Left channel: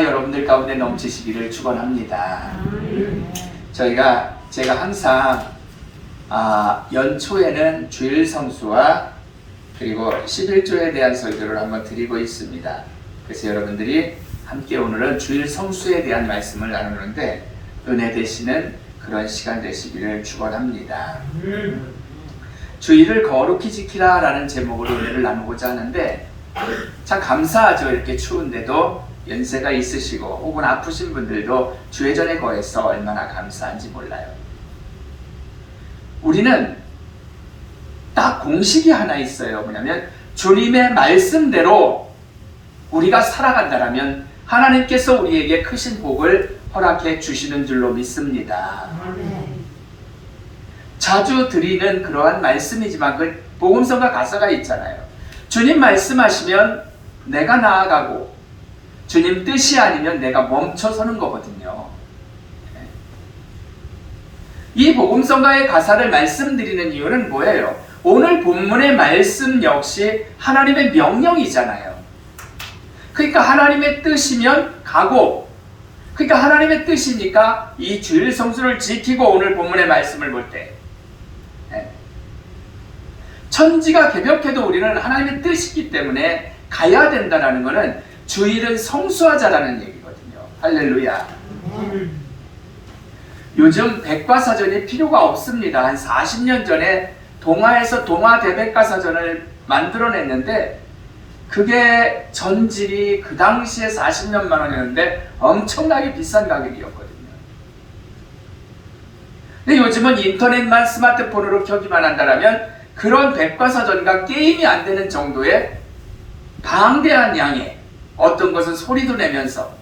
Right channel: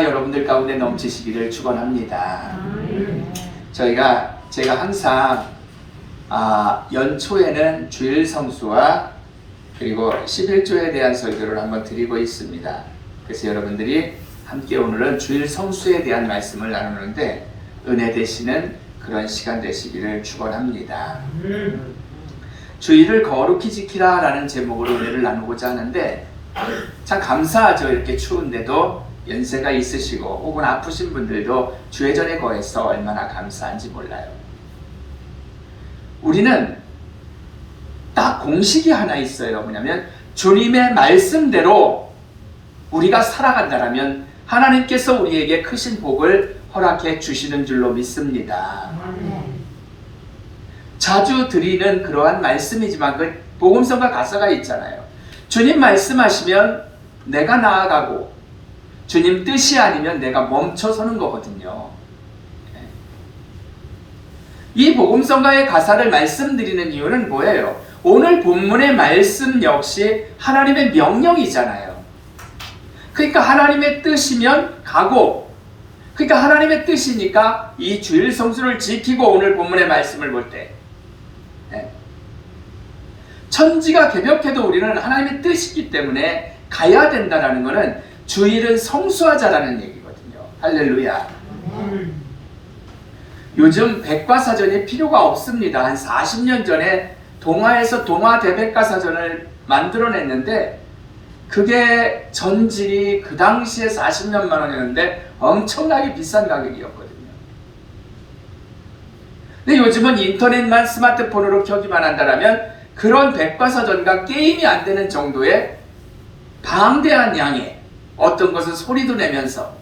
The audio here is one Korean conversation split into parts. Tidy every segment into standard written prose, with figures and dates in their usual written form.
여러분들 가운데 넘치시기를 축원합니다. 제가 항상 연초에는 주일 성수와 그리고 11조에 대한 설교를 한번 드리고 있습니다. 그래서 여러분들이 함께 오늘은 주일 성수에 대한 말씀을 나누는데 은혜 되시는 그런 시간 되시기를 축원합니다. 주일을 거룩히 지키라 라는 제목으로 은혜를 나누고자 하는데 참 감사하죠. 이렇게 추운데도 연세가 있으시고 혹은 아프신 분들도 주회전에 거해서 얼마나 감사한지 몰라요. 우리는 딱 공식이 하나 있어요. 뭐냐면 주님의 말씀대로 우리가 살아간다면 하나님께서 우리에게 크신 복을 허락해 주시는 줄로 믿습니다. 자주 드리는 그러한 말씀이지만 그 복음성과 가사가 있잖아요. 주님 말씀하시면 내가 나아가고 주님 뜻이 아니면 내가 멈춰서는 거거든요. 이 복음성가의 가사를 말씀드리는 이유는 뭐예요? 오늘 본문의 말씀 역시 하나님의 명령이잖아요. 그러니까 하나님의 뜻이면 가고, 그러니까 하나님의 뜻이니까 이 주일 성수를 지키고 오늘 본문의 말씀을 볼 때 천지가 개벽해도 우리는 하나님의 뜻이기 때문에 가야 된다는 것은 주일은 성수하자라는 얘기거든요. 할렐루야. 요즘 백과사전이 필요가 없습니다. 한 40년 전에 동아에서 동아 대백과사전을 만들어냈는데 그게 전질이 그 당시에 40몇만 원이었는데 엄청나게 비싼 가격이었거든요. 근데 요즘은 인터넷만 스마트폰으로 켜기만 한다면 그런 백과사전과 게임이 안 되는 정도의 방대한 양의 어떤 것은 소리도 내면서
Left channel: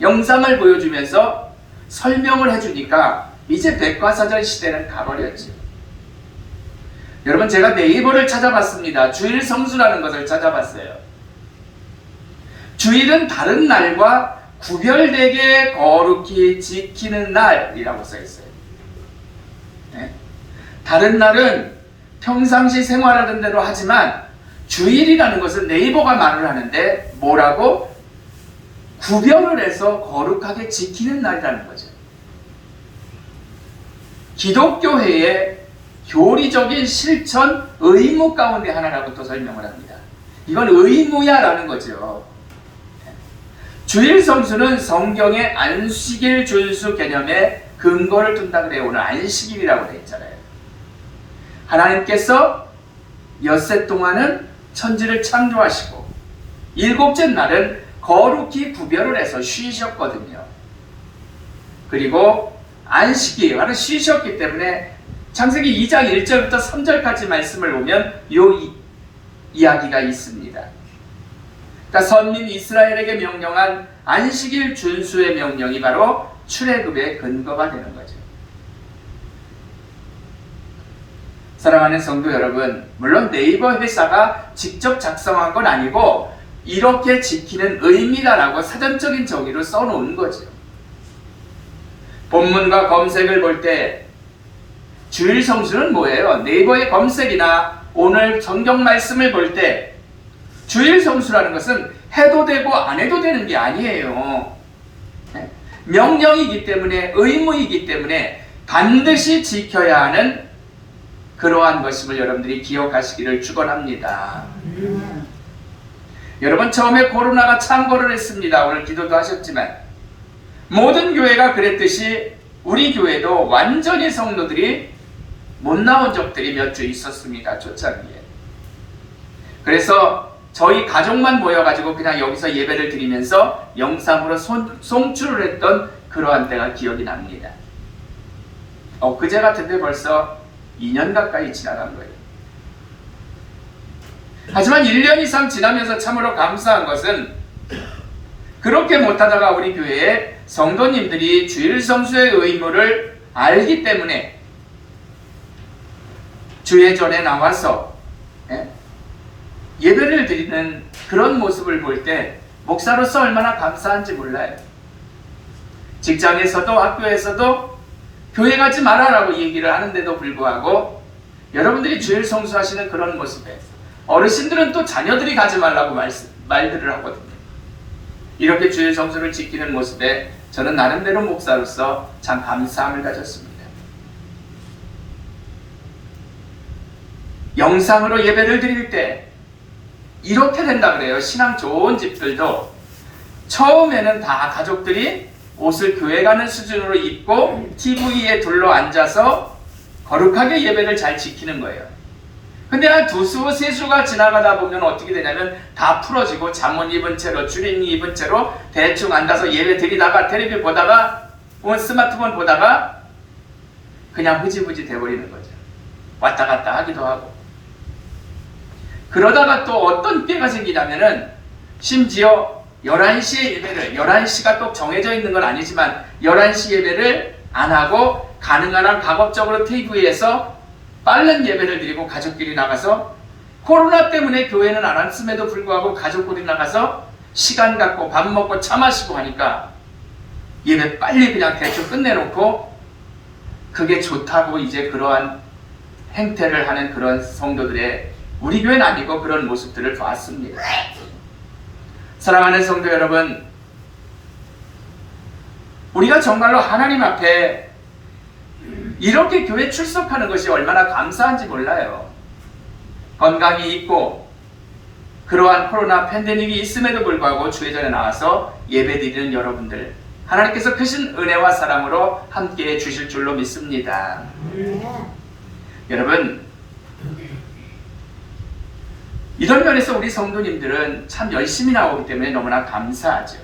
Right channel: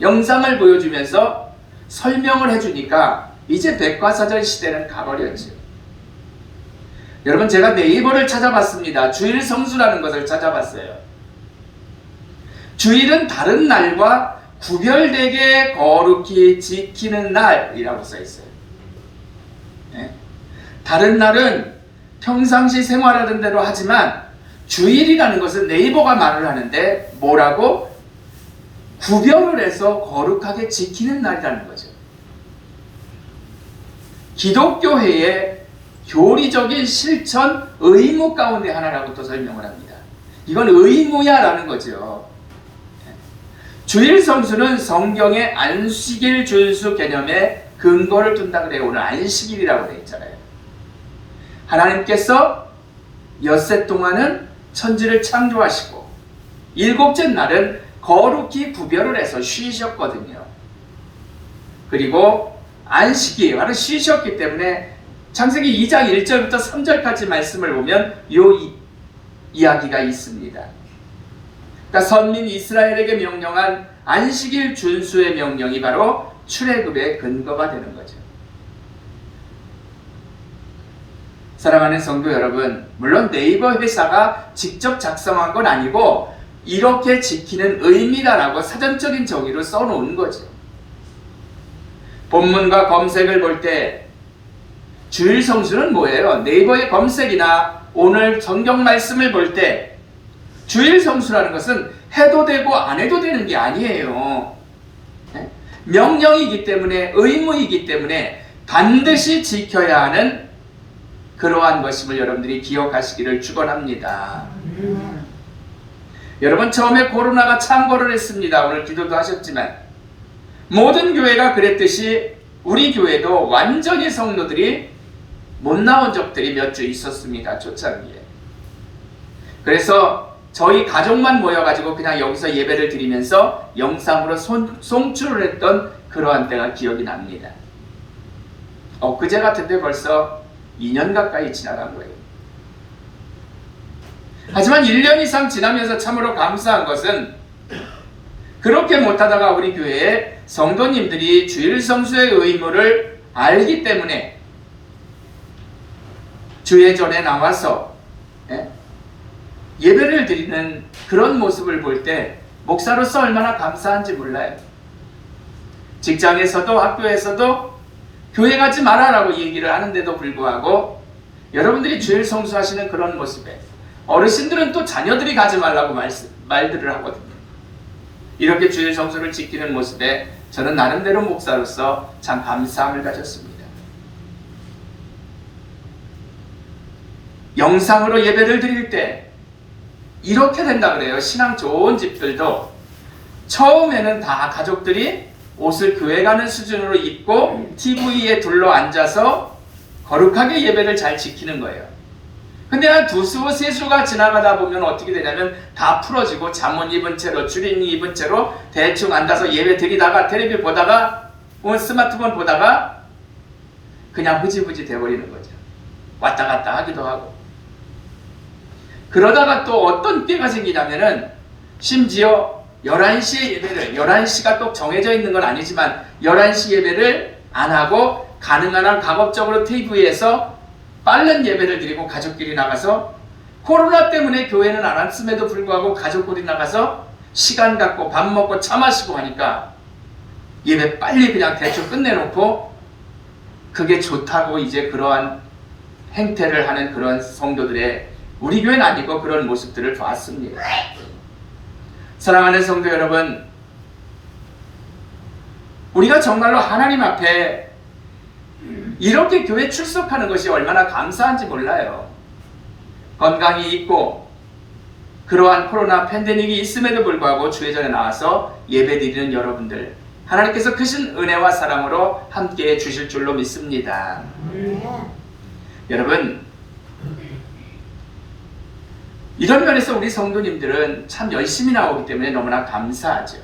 영상을 보여주면서 설명을 해주니까 이제 백과사전 시대는 가버렸죠. 여러분, 제가 네이버를 찾아봤습니다. 주일 성수라는 것을 찾아봤어요. 주일은 다른 날과 구별되게 거룩히 지키는 날이라고 써있어요. 네? 다른 날은 평상시 생활하던 대로 하지만 주일이라는 것은 네이버가 말을 하는데 뭐라고? 구별을 해서 거룩하게 지키는 날이라는 거죠. 기독교회의 교리적인 실천 의무 가운데 하나라고 또 설명을 합니다. 이건 의무야 라는 거죠. 주일 성수는 성경의 안식일 준수 개념에 근거를 둔다 그래요. 오늘 안식일이라고 되어 있잖아요. 하나님께서 엿새 동안은 천지를 창조하시고 일곱째 날은 거룩히 구별을 해서 쉬셨거든요. 그리고 안식이 바로 쉬셨기 때문에 창세기 2장 1절부터 3절까지 말씀을 보면 이 이야기가 있습니다. 그러니까 선민 이스라엘에게 명령한 안식일 준수의 명령이 바로 출애굽의 근거가 되는 거죠. 사랑하는 성도 여러분, 물론 네이버 회사가 직접 작성한 건 아니고 이렇게 지키는 의미다라고 사전적인 정의로 써놓은 거죠. 본문과 검색을 볼 때 주일 성수는 뭐예요? 네이버의 검색이나 오늘 성경 말씀을 볼 때 주일 성수라는 것은 해도 되고 안 해도 되는 게 아니에요. 명령이기 때문에, 의무이기 때문에 반드시 지켜야 하는 그러한 것임을 여러분들이 기억하시기를 축원합니다. 여러분, 처음에 코로나가 창궐을 했습니다. 오늘 기도도 하셨지만 모든 교회가 그랬듯이 우리 교회도 완전히 성도들이 못 나온 적들이 몇 주 있었습니다. 초창기에. 그래서 저희 가족만 모여가지고 그냥 여기서 예배를 드리면서 영상으로 송출을 했던 그러한 때가 기억이 납니다. 엊그제 같은데 벌써 2년 가까이 지나간 거예요. 하지만 1년 이상 지나면서 참으로 감사한 것은 그렇게 못하다가 우리 교회의 성도님들이 주일 성수의 의무를 알기 때문에 주회전에 나와서 예배를 드리는 그런 모습을 볼 때 목사로서 얼마나 감사한지 몰라요. 직장에서도 학교에서도 교회 가지 말아라고 얘기를 하는데도 불구하고 여러분들이 주일 성수하시는 그런 모습에 어르신들은 또 자녀들이 가지 말라고 말들을 하거든요. 이렇게 주일 성수를 지키는 모습에 저는 나름대로 목사로서 참 감사함을 가졌습니다. 영상으로 예배를 드릴 때 이렇게 된다 그래요. 신앙 좋은 집들도 처음에는 다 가족들이 옷을 교회 가는 수준으로 입고 TV에 둘러 앉아서 거룩하게 예배를 잘 지키는 거예요. 근데 한 두 수, 세 수가 지나가다 보면 어떻게 되냐면 다 풀어지고 잠옷 입은 채로, 주린 입은 채로 대충 앉아서 예배 드리다가 텔레비 보다가 스마트폰 보다가 그냥 흐지부지 돼버리는 거죠. 왔다 갔다 하기도 하고. 그러다가 또 어떤 때가 생기냐면은 심지어 11시에 예배를, 11시가 또 정해져 있는 건 아니지만 11시 예배를 안 하고 가능한 한 가급적으로 TV에서 빠른 예배를 드리고 가족끼리 나가서 코로나 때문에 교회는 안 왔음에도 불구하고 가족끼리 나가서 시간 갖고 밥 먹고 차 마시고 하니까 예배 빨리 그냥 대충 끝내놓고 그게 좋다고 이제 그러한 행태를 하는 그런 성도들의 우리 교회는 아니고 그런 모습들을 봤습니다. 사랑하는 성도 여러분, 우리가 정말로 하나님 앞에 이렇게 교회 출석하는 것이 얼마나 감사한지 몰라요. 건강이 있고 그러한 코로나 팬데믹이 있음에도 불구하고 주회전에 나와서 예배드리는 여러분들, 하나님께서 크신 은혜와 사랑으로 함께해 주실 줄로 믿습니다. 여러분, 이런 면에서 우리 성도님들은 참 열심히 나오기 때문에 너무나 감사하죠.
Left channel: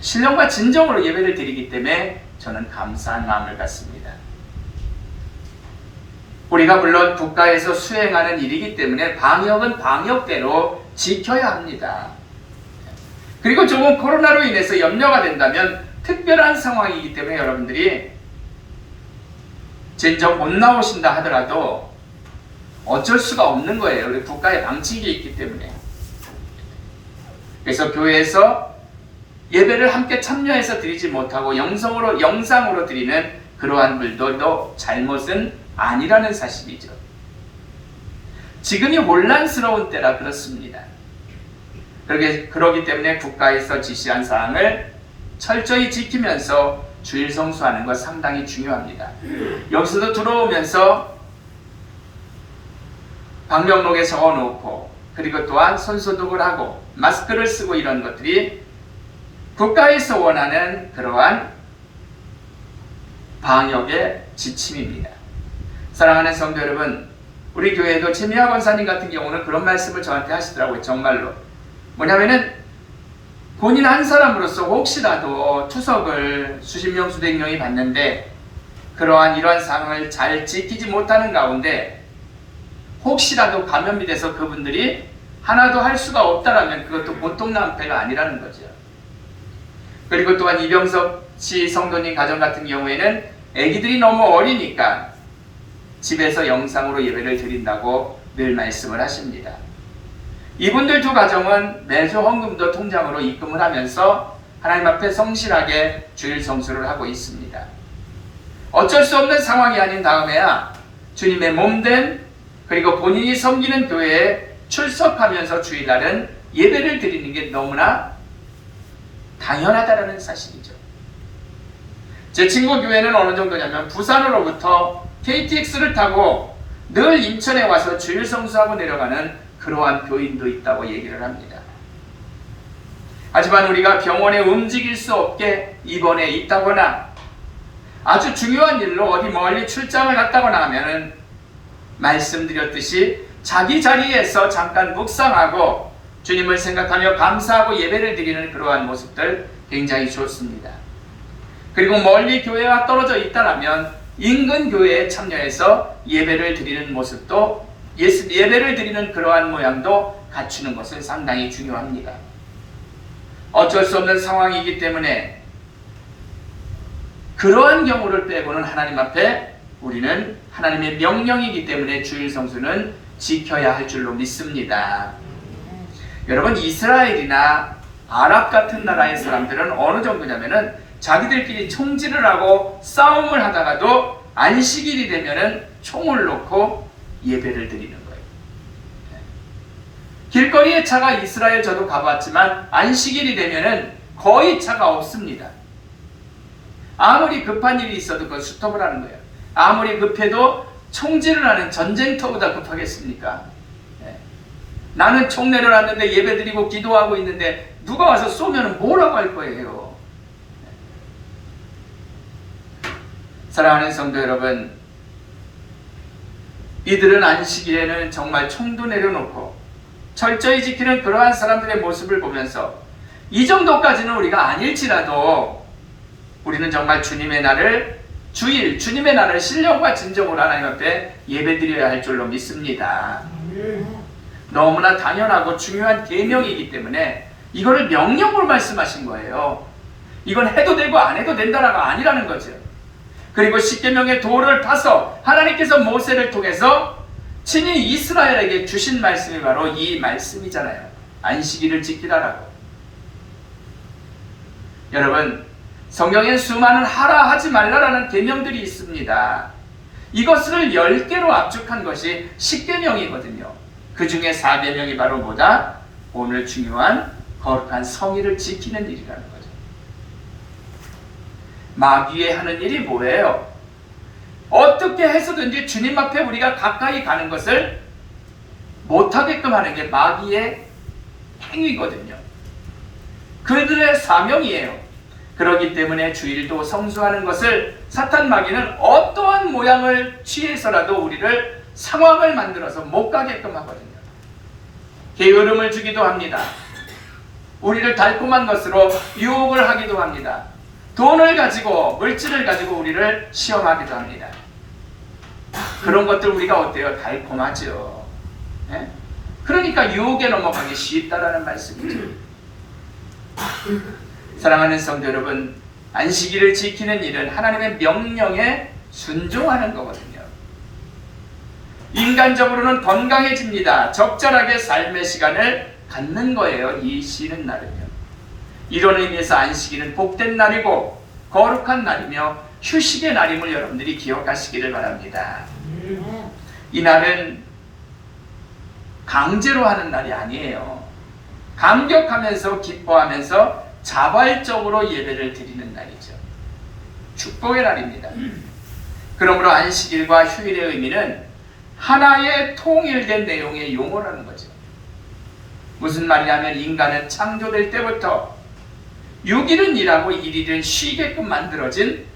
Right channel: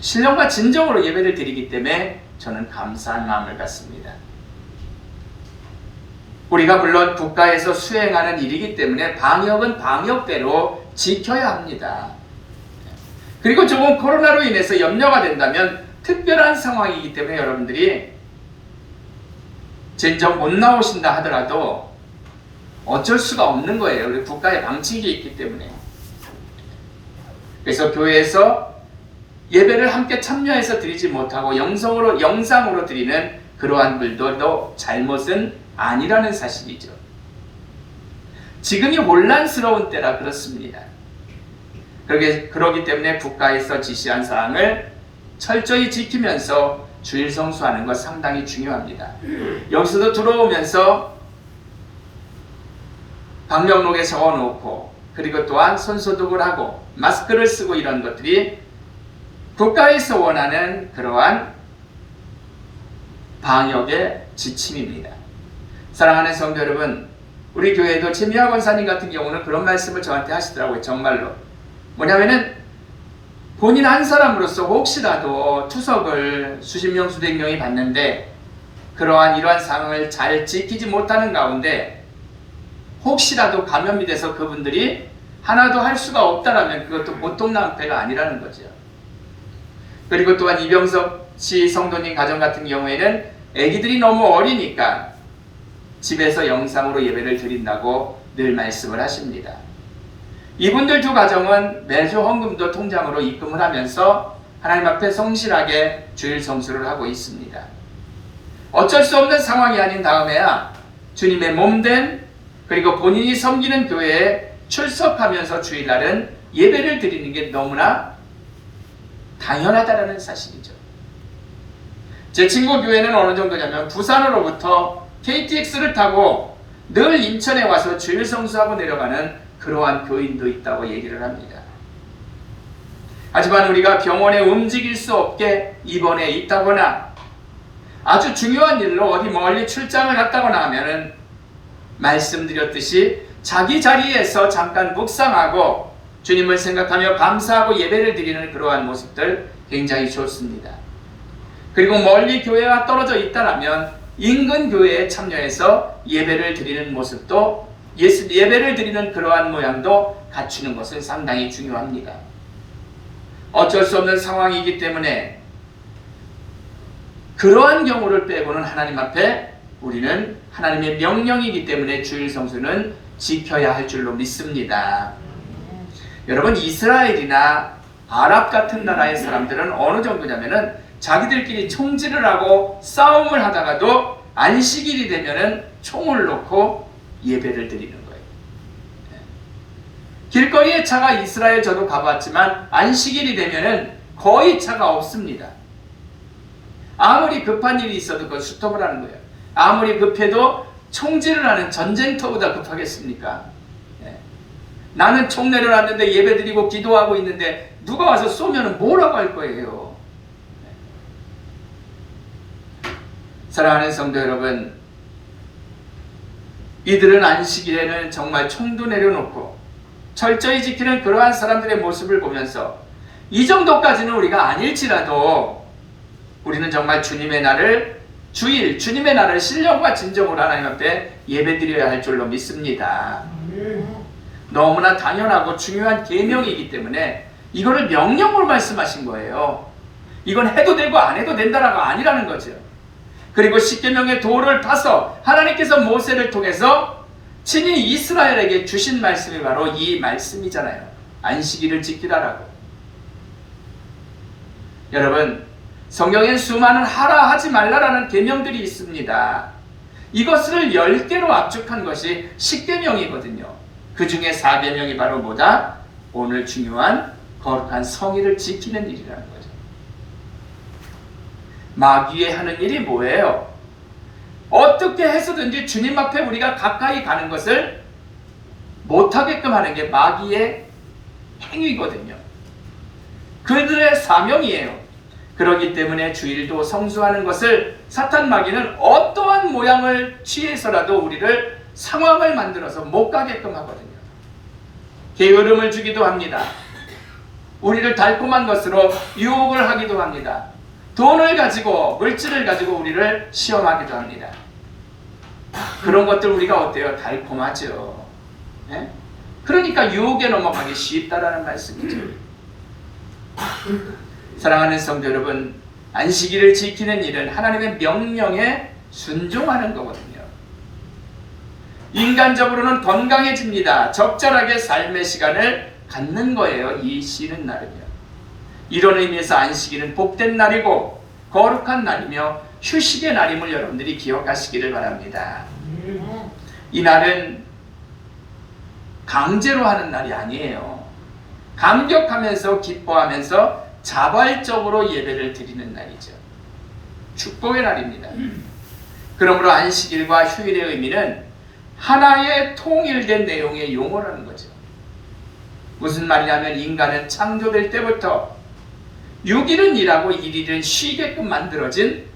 신령과 진정으로 예배를 드리기 때문에 저는 감사한 마음을 갖습니다. 우리가 물론 국가에서 수행하는 일이기 때문에 방역은 방역대로 지켜야 합니다. 그리고 조금 코로나로 인해서 염려가 된다면 특별한 상황이기 때문에 여러분들이 진정 못 나오신다 하더라도 어쩔 수가 없는 거예요. 우리 국가의 방침이 있기 때문에. 그래서 교회에서 예배를 함께 참여해서 드리지 못하고 영상으로 드리는 그러한 분들도 잘못은 아니라는 사실이죠. 지금이 혼란스러운 때라 그렇습니다. 그러기 때문에 국가에서 지시한 사항을 철저히 지키면서 주일 성수하는 것 상당히 중요합니다. 여기서도 들어오면서 방명록에 적어놓고 그리고 또한 손소독을 하고 마스크를 쓰고 이런 것들이 국가에서 원하는 그러한 방역의 지침입니다. 사랑하는 성도 여러분, 우리 교회도 최미화 권사님 같은 경우는 그런 말씀을 저한테 하시더라고요. 정말로 뭐냐면은 본인 한 사람으로서 혹시라도 추석을 수십 명 수백 명이 받는데 이러한 상황을 잘 지키지 못하는 가운데 혹시라도 감염이 돼서 그분들이 하나도 할 수가 없다라면 그것도 보통 낭패가 아니라는 거죠. 그리고 또한 이병석 씨 성도님 가정 같은 경우에는 아기들이 너무 어리니까 집에서 영상으로 예배를 드린다고 늘 말씀을 하십니다. 이분들 두 가정은 매주 헌금도 통장으로 입금을 하면서 하나님 앞에 성실하게 주일 성수를 하고 있습니다. 어쩔 수 없는 상황이 아닌 다음에야 주님의 몸된 그리고 본인이 섬기는 교회에 출석하면서 주일날은 예배를 드리는 게 너무나 당연하다는 사실이죠. 제 친구 교회는 어느 정도냐면 부산으로부터 KTX를 타고 늘 인천에 와서 주일 성수하고 내려가는 그러한 교인도 있다고 얘기를 합니다. 하지만 우리가 병원에 움직일 수 없게 입원해 있다거나 아주 중요한 일로 어디 멀리 출장을 갔다거나 하면은 말씀드렸듯이 자기 자리에서 잠깐 묵상하고 주님을 생각하며 감사하고 예배를 드리는 그러한 모습들 굉장히 좋습니다. 그리고 멀리 교회와 떨어져 있다라면 인근 교회에 참여해서 예배를 드리는 모습도 예배를 드리는 그러한 모양도 갖추는 것은 상당히 중요합니다. 어쩔 수 없는 상황이기 때문에 그러한 경우를 빼고는 하나님 앞에 우리는 하나님의 명령이기 때문에 주일 성수는 지켜야 할 줄로 믿습니다. 여러분, 이스라엘이나 아랍 같은 나라의 사람들은 어느 정도냐면은 자기들끼리 총질을 하고 싸움을 하다가도 안식일이 되면은 총을 놓고 예배를 드리는 거예요. 길거리에 차가 이스라엘 저도 가봤지만 안식일이 되면은 거의 차가 없습니다. 아무리 급한 일이 있어도 그걸 스톱을 하는 거예요. 아무리 급해도 총질을 하는 전쟁터보다 급하겠습니까? 네. 나는 총 내려놨는데 예배드리고 기도하고 있는데 누가 와서 쏘면 뭐라고 할 거예요? 네. 사랑하는 성도 여러분, 이들은 안식일에는 정말 총도 내려놓고 철저히 지키는 그러한 사람들의 모습을 보면서 이 정도까지는 우리가 아닐지라도 우리는 정말 주님의 날을 주일, 주님의 날을 신령과 진정으로 하나님 앞에 예배드려야 할 줄로 믿습니다. 너무나 당연하고 중요한 계명이기 때문에 이거를 명령으로 말씀하신 거예요. 이건 해도 되고 안 해도 된다라가 아니라는 거죠. 그리고 십계명의 도를 타서 하나님께서 모세를 통해서 친히 이스라엘에게 주신 말씀이 바로 이 말씀이잖아요. 안식일을 지키라라고. 여러분, 성경엔 수많은 하라 하지 말라라는 계명들이 있습니다. 이것을 10개로 압축한 것이 십계명이거든요. 그 중에 4계명이 바로 뭐다? 오늘 중요한 거룩한 성일을 지키는 일이라는 거죠. 마귀의 하는 일이 뭐예요? 어떻게 해서든지 주님 앞에 우리가 가까이 가는 것을 못하게끔 하는 게 마귀의 행위거든요. 그들의 사명이에요. 그렇기 때문에 주일도 성수하는 것을 사탄 마귀는 어떠한 모양을 취해서라도 우리를 상황을 만들어서 못 가게끔 하거든요. 게으름을 주기도 합니다. 우리를 달콤한 것으로 유혹을 하기도 합니다. 돈을 가지고, 물질을 가지고 우리를 시험하기도 합니다. 그런 것들 우리가 어때요? 달콤하죠. 네? 그러니까 유혹에 넘어가기 쉽다라는 말씀이죠. 사랑하는 성도 여러분, 안식일을 지키는 일은 하나님의 명령에 순종하는 거거든요. 인간적으로는 건강해집니다. 적절하게 삶의 시간을 갖는 거예요. 이 쉬는 날은요. 이런 의미에서 안식일은 복된 날이고 거룩한 날이며 휴식의 날임을 여러분들이 기억하시기를 바랍니다. 이 날은 강제로 하는 날이 아니에요. 감격하면서 기뻐하면서 자발적으로 예배를 드리는 날이죠. 축복의 날입니다. 그러므로 안식일과 휴일의 의미는 하나의 통일된 내용의 용어라는 거죠. 무슨 말이냐면 인간은 창조될 때부터 6일은 일하고 1일은 쉬게끔 만들어진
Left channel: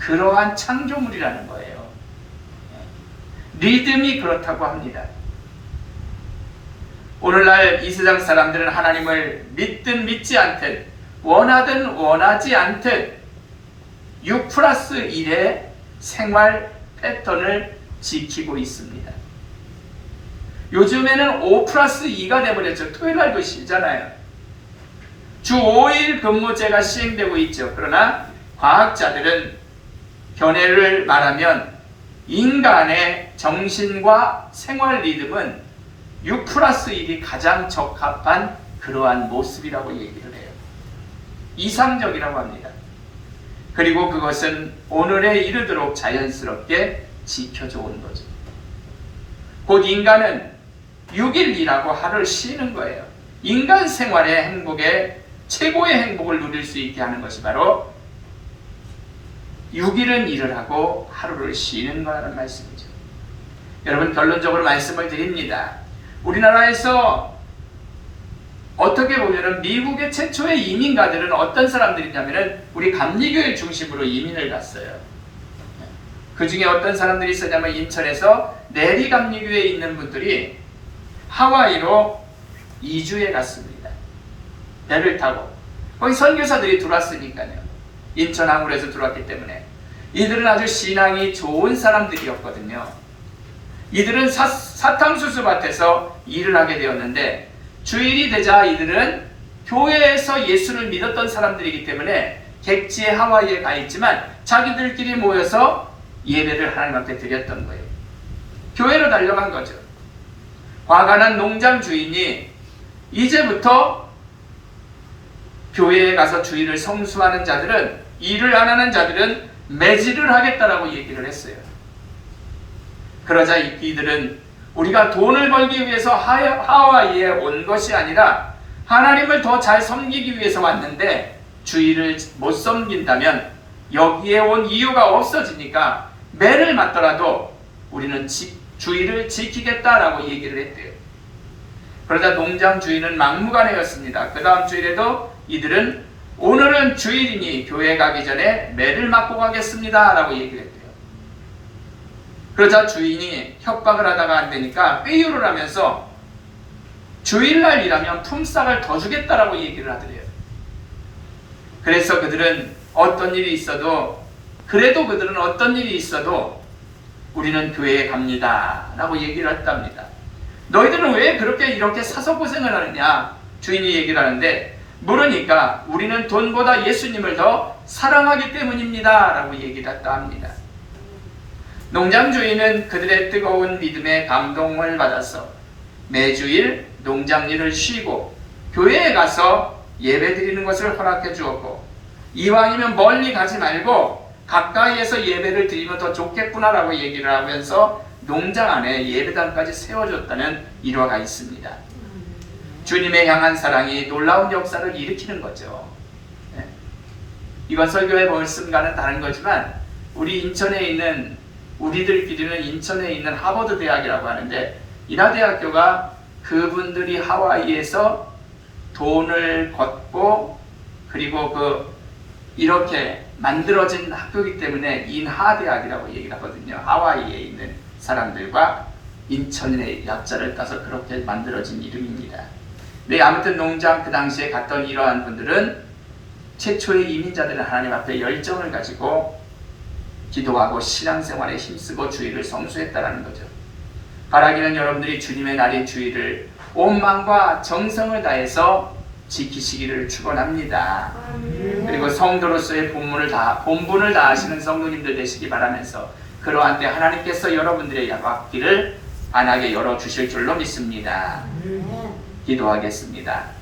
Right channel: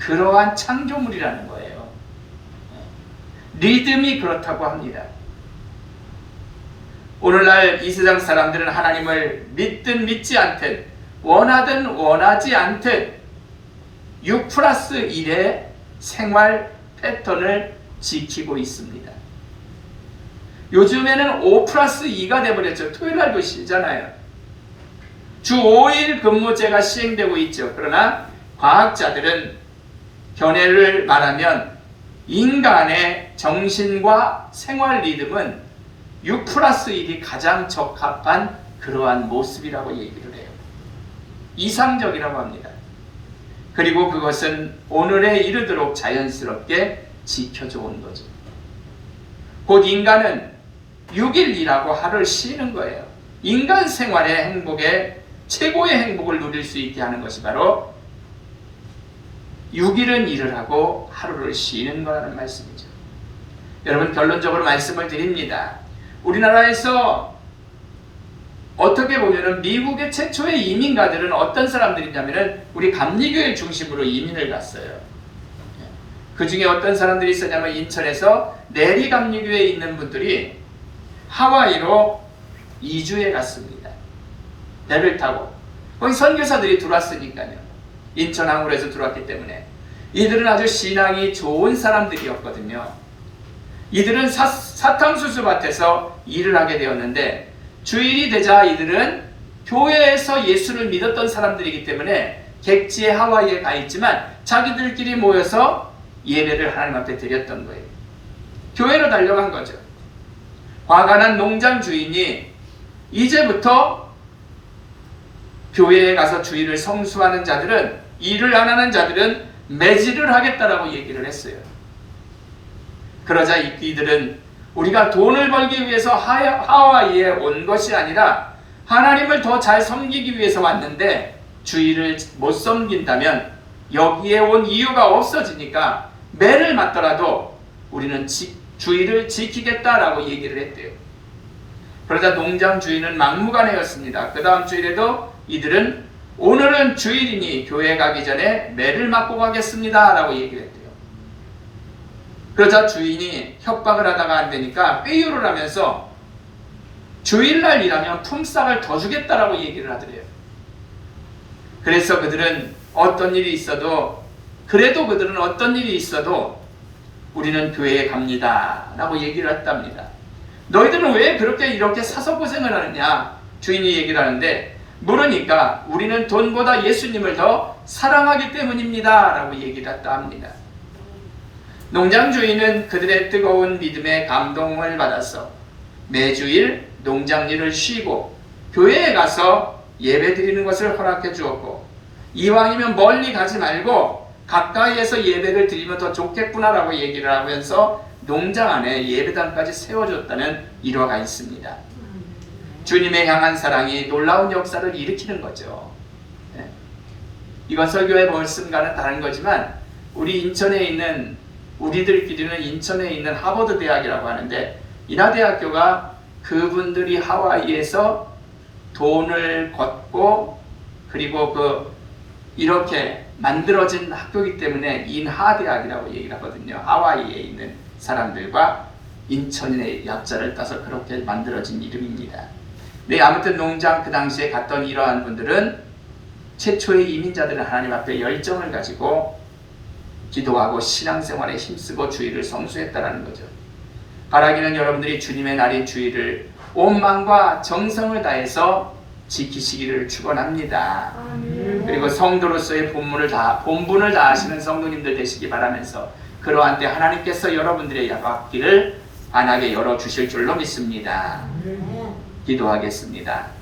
그러한 창조물이라는 거예요. 리듬이 그렇다고 합니다. 오늘날 이 세상 사람들은 하나님을 믿든 믿지 않든 원하든 원하지 않든 6+1의 생활 패턴을 지키고 있습니다. 요즘에는 5+2가 돼버렸죠. 토요일날도 쉬잖아요. 주 5일 근무제가 시행되고 있죠. 그러나 과학자들은 견해를 말하면 인간의 정신과 생활 리듬은 6+1이 가장 적합한 그러한 모습이라고 얘기를 해요. 이상적이라고 합니다. 그리고 그것은 오늘에 이르도록 자연스럽게 지켜져 온 거죠. 곧 인간은 6일 일하고 하루를 쉬는 거예요. 인간 생활의 행복에 최고의 행복을 누릴 수 있게 하는 것이 바로 6일은 일을 하고 하루를 쉬는 거라는 말씀이죠. 여러분, 결론적으로 말씀을 드립니다. 우리나라에서 어떻게 보면은 미국의 최초의 이민가들은 어떤 사람들이냐면은 우리 감리교회 중심으로 이민을 갔어요. 그 중에 어떤 사람들이 있었냐면 인천에서 내리 감리교회에 있는 분들이 하와이로 이주해 갔습니다. 배를 타고. 거기 선교사들이 들어왔으니까요. 인천 항구에서 들어왔기 때문에. 이들은 아주 신앙이 좋은 사람들이었거든요. 이들은 사탕수수 밭에서 일을 하게 되었는데 주일이 되자 이들은 교회에서 예수를 믿었던 사람들이기 때문에 객지에 하와이에 가 있지만 자기들끼리 모여서 예배를 하나님 앞에 드렸던 거예요. 교회로 달려간 거죠. 화가 난 농장 주인이 이제부터 교회에 가서 주일을 성수하는 자들은, 일을 안 하는 자들은 매질을 하겠다라고 얘기를 했어요. 그러자 이들은 우리가 돈을 벌기 위해서 하와이에 온 것이 아니라 하나님을 더 잘 섬기기 위해서 왔는데 주의를 못 섬긴다면 여기에 온 이유가 없어지니까 매를 맞더라도 우리는 주의를 지키겠다라고 얘기를 했대요. 그러자 농장 주인은 막무가내였습니다. 그 다음 주일에도 이들은 오늘은 주일이니 교회 가기 전에 매를 맞고 가겠습니다 라고 얘기를 했대요. 그러자 주인이 협박을 하다가 안 되니까 회유를 하면서 주일날 일하면 품삯을 더 주겠다라고 얘기를 하더래요. 그래서 그들은 어떤 일이 있어도 우리는 교회에 갑니다 라고 얘기를 했답니다. 너희들은 왜 그렇게 이렇게 사서 고생을 하느냐 주인이 얘기를 하는데, 물으니까 우리는 돈보다 예수님을 더 사랑하기 때문입니다 라고 얘기를 했다 합니다. 농장 주인은 그들의 뜨거운 믿음에 감동을 받아서 매주일 농장 일을 쉬고 교회에 가서 예배 드리는 것을 허락해 주었고, 이왕이면 멀리 가지 말고 가까이에서 예배를 드리면 더 좋겠구나라고 얘기를 하면서 농장 안에 예배당까지 세워줬다는 일화가 있습니다. 주님의 향한 사랑이 놀라운 역사를 일으키는 거죠. 이건 설교의 말씀과는 다른 거지만 우리들끼리는 인천에 있는 하버드 대학이라고 하는데, 인하대학교가 그분들이 하와이에서 돈을 걷고 그리고 이렇게 만들어진 학교이기 때문에 인하대학이라고 얘기를 하거든요. 하와이에 있는 사람들과 인천의 약자를 따서 그렇게 만들어진 이름입니다. 네, 아무튼 농장 그 당시에 갔던 이러한 분들은 최초의 이민자들은 하나님 앞에 열정을 가지고 기도하고 신앙생활에 힘쓰고 주의를 성수했다는 거죠. 바라기는 여러분들이 주님의 날인 주의를 온 마음과 정성을 다해서 지키시기를 축원합니다. 그리고 성도로서의 본분을 다하시는 성도님들 되시기 바라면서, 그러한 때 하나님께서 여러분들의 앞길을 환하게 열어주실 줄로 믿습니다. 기도하겠습니다.